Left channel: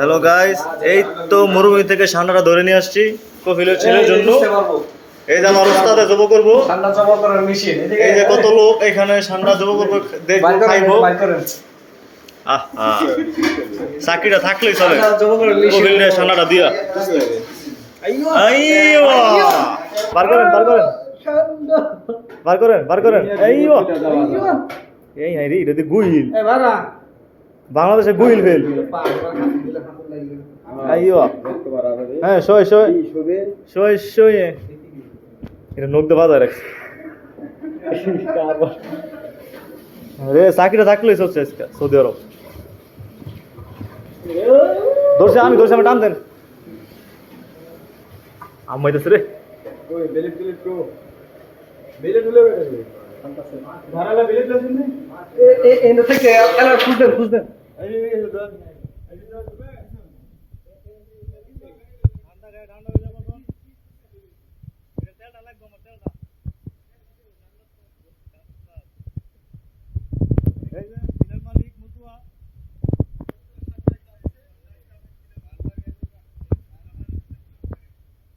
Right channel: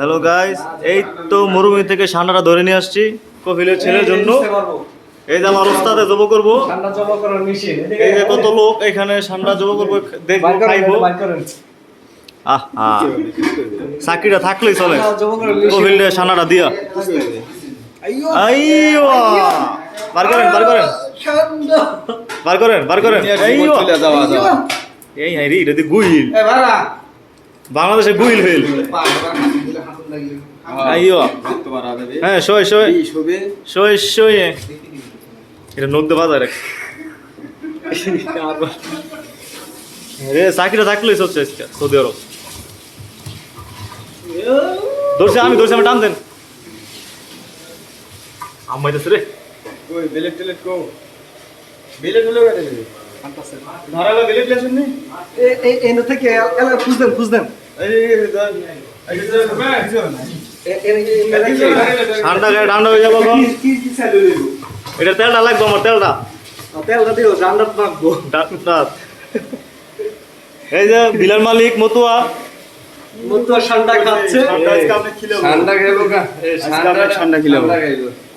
Hello guys, এই তো মরুভূমি থেকে ঠান্ডাটা ধরে নিয়ে আসছি কফিলের ছেলের জন্য। এই যে আমার ওস্তাদে জব করবো, ঠান্ডা জমা করার মেশিন। এই যে কত লোক এখানে ঠান্ডা জব করবো, দেখবো, খাইবো। আহা, সাকিটা থাকলেই চলে। কফিল নিয়ে ঠান্ডাটা দিয়া আইয়ো, বার করেন বার করেন বার করেন বার করেন। আইয়ো, এই হাই রে, এটা দিয়ে গুইল, বাংলাদেশে গুইল ফেল। আইয়ো, হ্যাঁ শোয় শোয় শোয় শোয়, এটা নদী বাজার রে। চাকরিটা থাকলেই চলছে আজকে সৌদি আরব। ধরছে আমি, ধরছে আমি, টান দেন। আমাইতেছে রে, ঠান্ডা গায়ে ঠান্ডা হয়ে যাবো। এটা তেলটা লাগবে, আমার তেলটা এই যে বিলাল মালিক মতুয়া ঠান্ডা খাচ্ছে।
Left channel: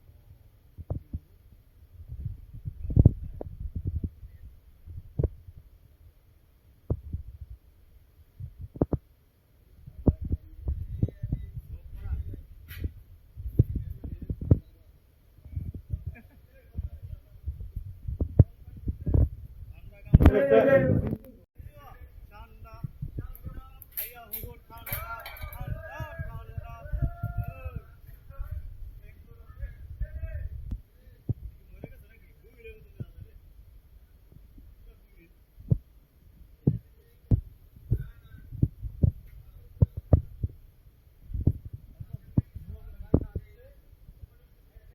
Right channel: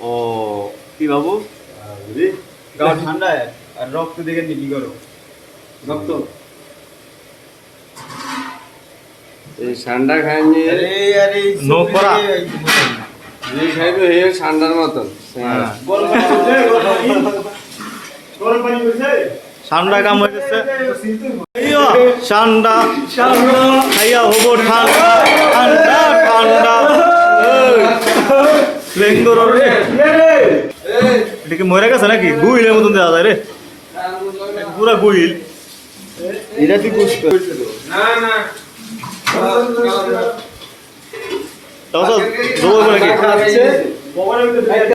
ও কি বাবু, ঠান্ডা আর রক্ত দেখে কি করো, রক্ত এই ঠান্ডা খাইনি নোক করা এই খাইবে এই ঠান্ডার মতন। ঠান্ডা কাম হইতেছে। ঠান্ডা খাইয়া হবো ঠান্ডা ঠান্ডা ঠান্ডা। এটা কি মরে গেছে নাকি? গুইলের মতন দেওয়া যায় রে, পুরা গুইল। এটা কি পুষ্প তাও তো জবর করে কি